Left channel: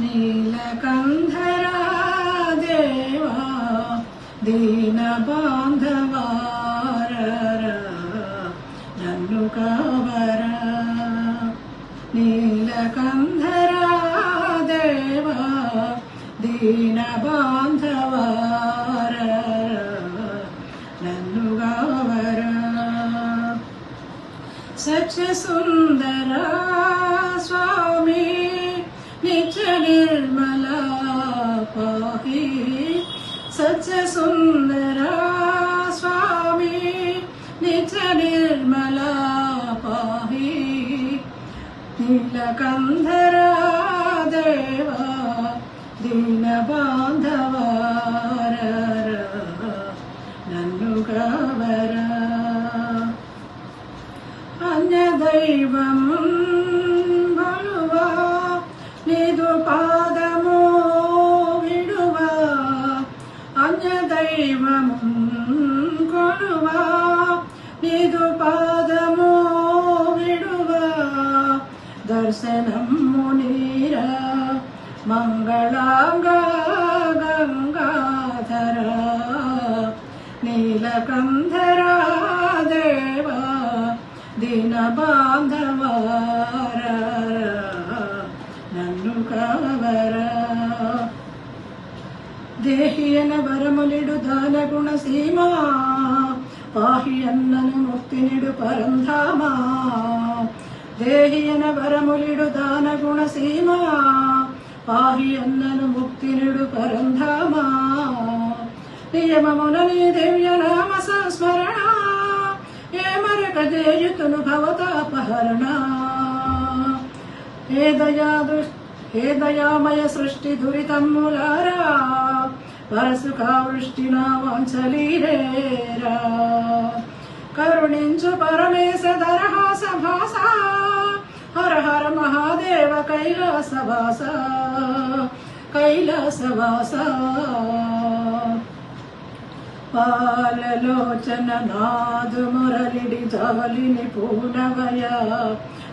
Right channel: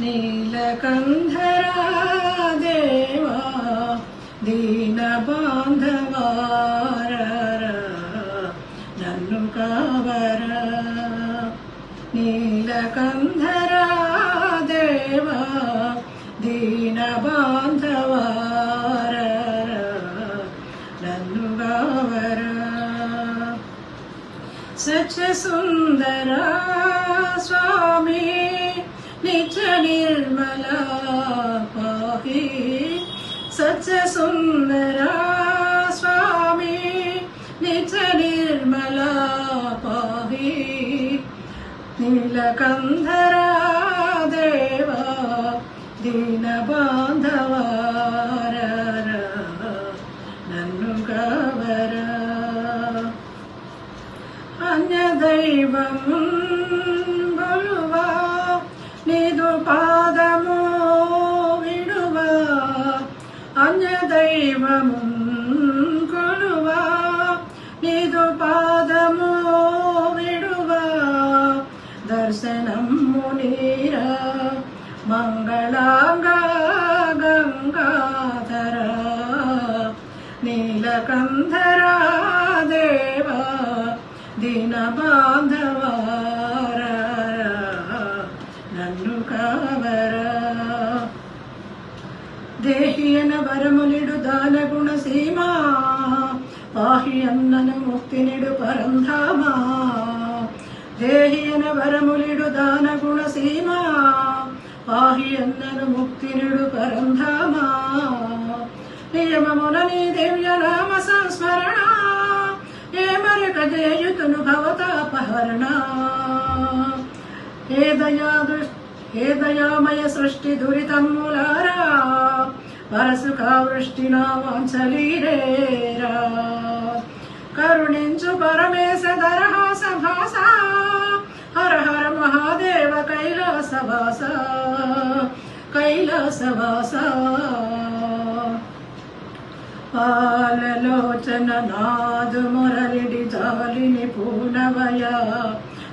నీలకంధరా దేవా దీన బాంధవారా నన్ను కావరా నీలకంధరా దేవా దీన బాంధవారా నన్ను కావరా సత్య సుందరా స్వామి నిత్య నిర్మల పాహి సత్య సుందరా స్వామి నిత్య నిర్మల పాహి నీలకంధరా దేవా దీన బాంధవారా నన్ను కావరా అన్యదైవము బలువా నీదు పాదము విడువా అన్యదైవము కొలువా నీదు పాదము విడువా దర్శనము నీరా మంగళాంగ గంగాధర నీలకంధరా దేవా దీన బాంధవారా నన్ను కావరా దేహియన వరమునిడు దాన గుణ సీమా పాహి అన్నను ముక్తినిడు పరంధామా దేహియన వరములిడు దాన గుణ సీమా పాహి అన్నను ముక్తినిడు పరంధామా నియమమున నీ దివ్య నామ సంస్మరణ ఏ మరక జేయుతును భవతాపహరణ ఏ దయామయ సృష్టి దురితమ్ములారా వరసుకా వృష్టి నా వాంఛలీరేరా కరుణించు పరమేశ దరహాస భాస హర హర మహాదేవ కైలాసవాస కైలాసవాస పాలలోచన నాదు మురళిడి జాలిని పూనవయ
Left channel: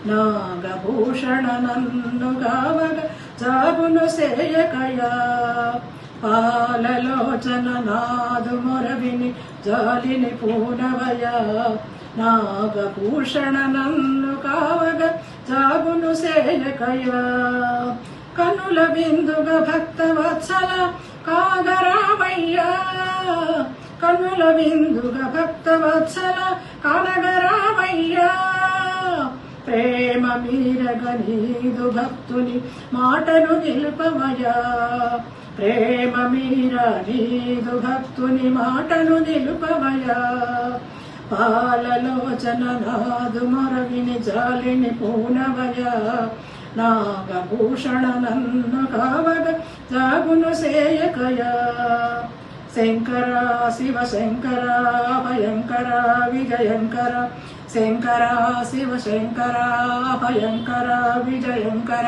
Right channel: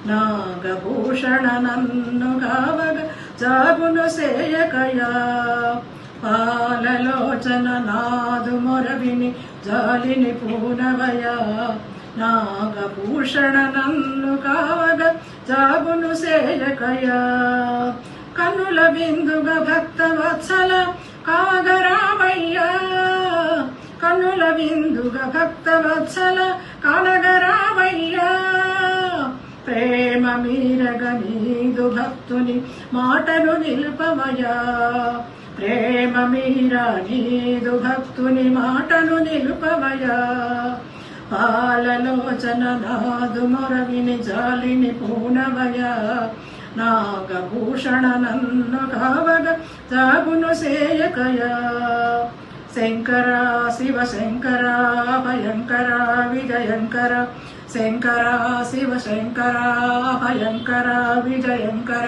నాగభూషణ నన్ను కావగ జాగును సేయకయా పాలలోచన నాదు మురళిని జాలిని పూనవయ నాగభూషణ నన్ను కావగ జాగును సేయకయా కన్నుల బిందుగ భక్త వత్సల కాగరామయ్యా కన్నుల బిందుగ భక్త వత్సల కానగరామయ్యా ప్రేమ మీరగ నీదు భక్తుని మాటను నిలుపవయా ప్రేమ మీర నీదు భక్తుని మాటను నిలుపవయా పాలలోచన నాదు మొరవిని జాలిని పూనవయా నాగభూషణ నన్ను కావగ జాగును సేయకయా శంకర శివ శంకర భయంకర విజయంకర శంకర శివ శంకర భయంకర విజయంకర